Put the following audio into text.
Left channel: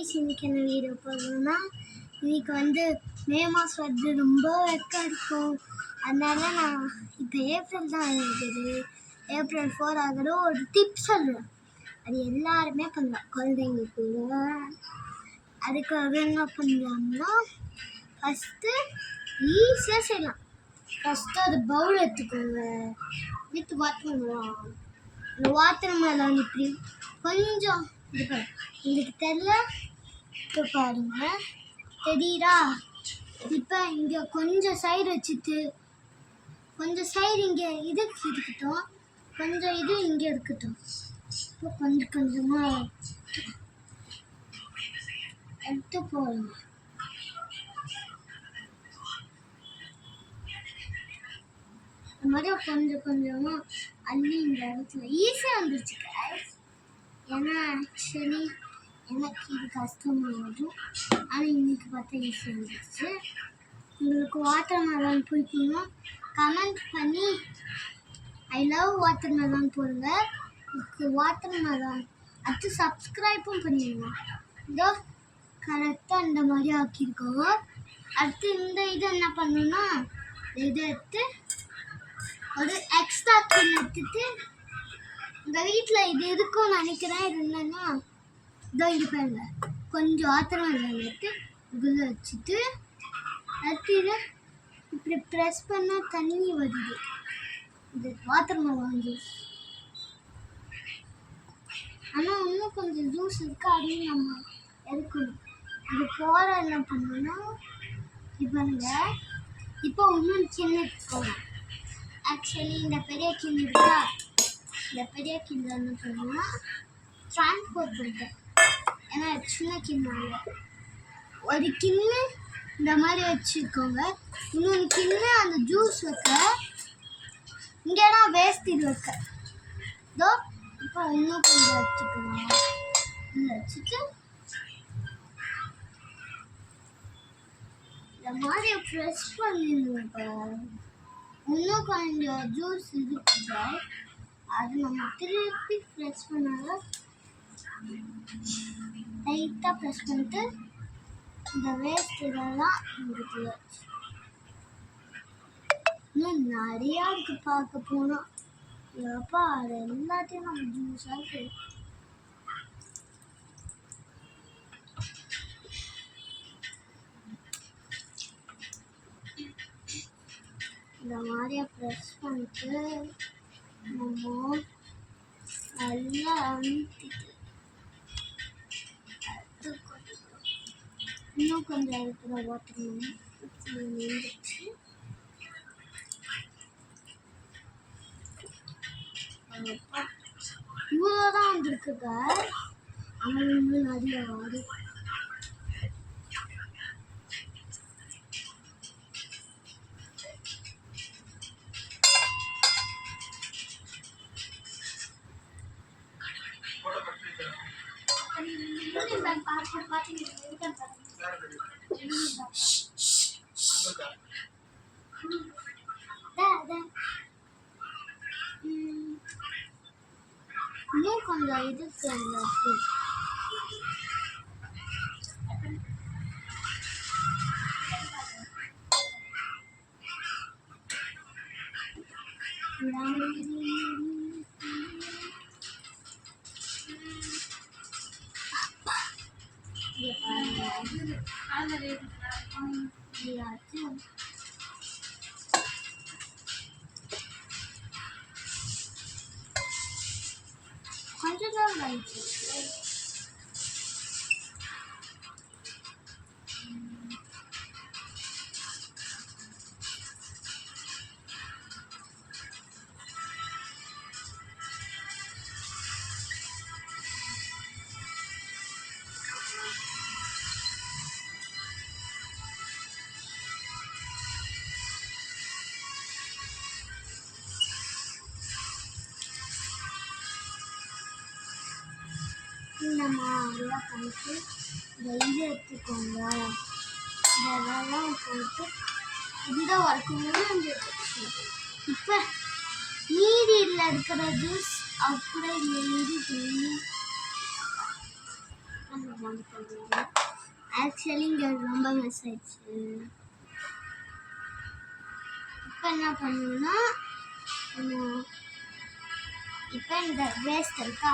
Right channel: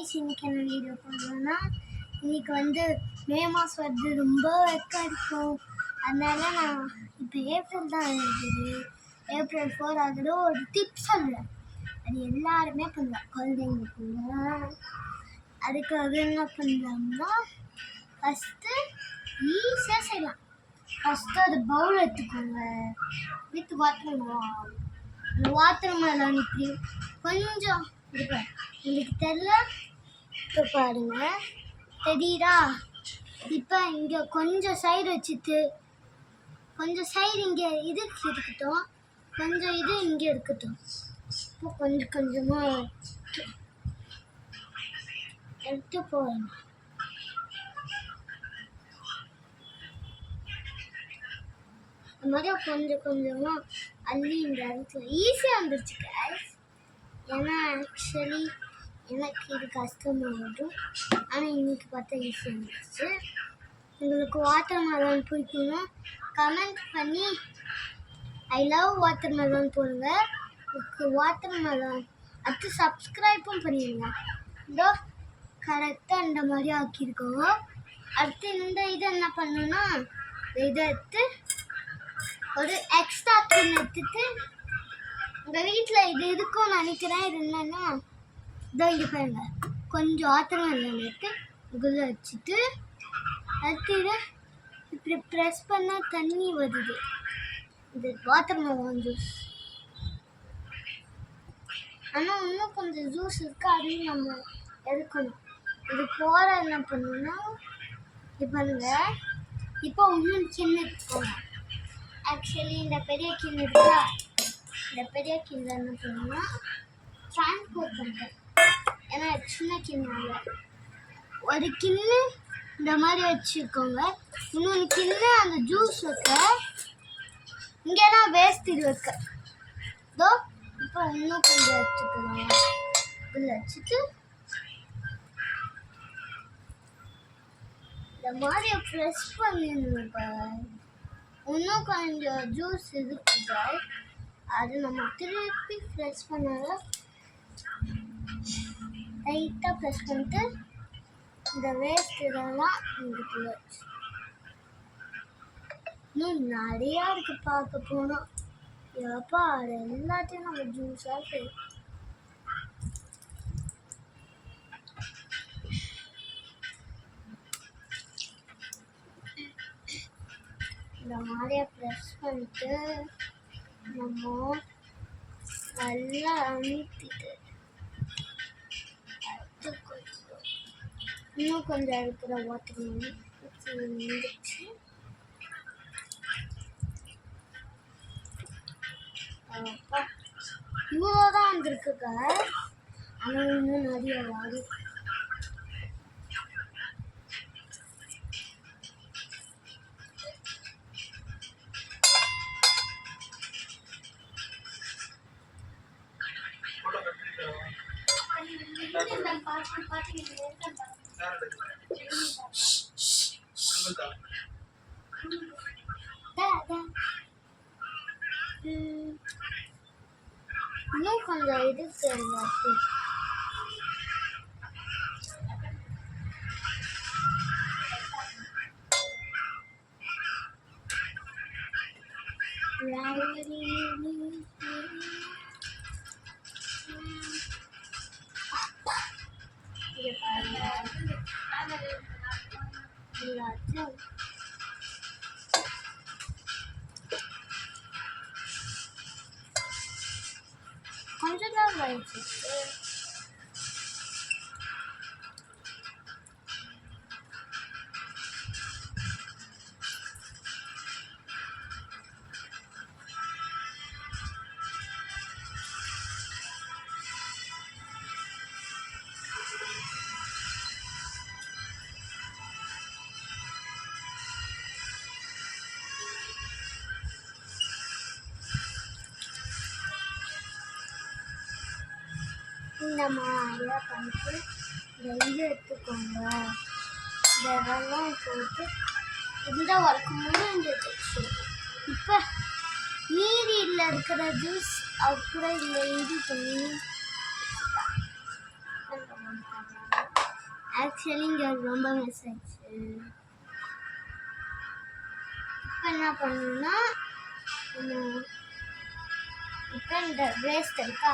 இன்னைக்கு என்ன வீடியோ போடுறோன்னா இன்னைக்கு மே மாதம் வருது, ரொம்ப வெக்கம் இருக்கும். அதனால நான் இப்போ ஏப்ரல் தான் இருக்குது, ஏப்ரல் 4 ஆகுது. ஒரு டிப்ஸ் சொல்கிறேன், அது எல்லாருமே பண்ணலாம் குழந்தைங்க கூட. அதுக்காக என்ன பண்ணலாம்னா ஃபஸ்ட்டு ஈஸியாக செய்யலாம். ஃபஸ்ட்டு ஒரு பவுல் எடுத்துக்கோங்க, வித் வாட்டர். அந்த வாட்டர் மெலன் இப்படி கொஞ்சம் உங்களுக்கு தெரியல பாருங்க, தெரியுதா? இப்போ இங்கே கொஞ்சம் சைடு வச்சுட்டு கொஞ்சம் சைடு இங்கே இதுக்கு இருக்கட்டும், கொஞ்சம் இது இங்கே இருக்கட்டும். இப்போ கொஞ்சம் கொஞ்சமாக எடுத்து போடுங்க. இந்த மாதிரி கொஞ்சம் கொஞ்சமாக அள்ளி இந்த இடத்துல ஈஸியாக வந்துருச்சு guys. ஏன்னா ஆக்சுவலி எனக்கு இது கஷ்டமாகும், ஆனால் இன்னைக்கு பார்த்தா ஈஸியாக இருந்துச்சு. உங்களுக்கு வாட்டர் மெலன் பிடிக்கணும் கமெண்ட் பண்ணி ஐ லவ் வாட்டர் மெலன் போடுங்க. உங்களுக்கு வாட்டர் மெலன் அடுத்து சப்ஸ்கிரைப்பும் பண்ணிடுங்க. இதோ கரெக்டாக இந்த மாதிரி ஆக்கியிருக்கோங்க. அடுத்து இந்த இது என்ன பண்ணுன்னா, இதை எடுத்து ஒரு எக்ஸ்ட்ரா கிண் எடுத்துட்டு, உங்கள் வீட்டில் இது இருக்கும்னு நினைக்கிறேன். இது என்னன்னா இதோ இது பாருங்க, கொஞ்சம் வாட்டர் மெலன் எடுத்து இதுக்குள்ளே வச்சுட்டு அடுத்து இதை இப்படி ப்ரெஸ் பண்ணால் தண்ணி வருது. இது வாட்டர் மெலன் ஜூஸ். ஆனால் இன்னும் கொஞ்சம் ஜூஸ் இருக்குது, அதையும் நம்ம எடுக்கணும். இது போகிற என்ன பண்ணணும்னா பாருங்க, இப்போ இன்னும் சின்ன எடுத்துக்கோங்க. ஆக்சுவலி இந்த பெரிய கிண்ணு இருக்கா, இந்த பெரிய கிண்ணு என்ன பண்ணணும்னா ட்ரான்ஸ்போர்ட் பண்ணிட்டேன். ஏன்னா சின்ன கிண்ணாங்க ஒரு கிண்ணு இந்த மாதிரி வச்சுக்கோங்க. இன்னொன்று கிண்ணு அந்த ஜூஸ் வைக்க, இங்கேனா வேஸ்ட் இது வைக்க. இதோ இப்போ இன்னும் கொஞ்சம் வச்சுக்கணும். இதில் வச்சுட்டு இந்த மாதிரி ப்ரெஸ் பண்ணிடுங்க. இன்னும் கொஞ்சம் ஜூஸ் இருக்குது, அது நம்ம திருப்பி ப்ரெஸ் பண்ணாலும் லைட்டாக ப்ரெஸ் பண்ணிட்டு இந்த வேஸ்ட் இதெல்லாம் இதுக்குள்ள இன்னும் நிறையா இருக்குது பார்க்க போனால். எப்பா அது எல்லாத்தையும் நம்ம ஜூஸாக செய்யும். இந்த மாதிரியா ப்ரெஸ் பண்ணிட்டு நம்ம நல்லா அமுத்திட்டு இன்னும் கொஞ்சம் இருக்கிற வாட்டர் நின்றுச்சு. அப்பா இவ்வளோதான் வந்துருக்குங்க, ஆனால் இன்னும் நிறைய வரும். இன்னும் கொஞ்சம் இருக்கு கொஞ்சம் தான் வாங்கிட்டு இந்த மாதிரியா பண்ணிட்டு இது எடுத்துக்கோங்க. இதெல்லாம் போட்டு இந்த ஒர்க்கும்போது வந்துடுச்சு. இப்போ மீதியில் இருக்கிற ஜூஸ் அப்புறம் இல்லை இது பண்ணி அந்த போடுறது. ஆக்சுவலி இங்கே ரொம்ப மிஸ் ஆயிடுச்சு. இப்போ என்ன பண்ணணும்னா இப்போ இந்த வேஸ்ட் இருக்கா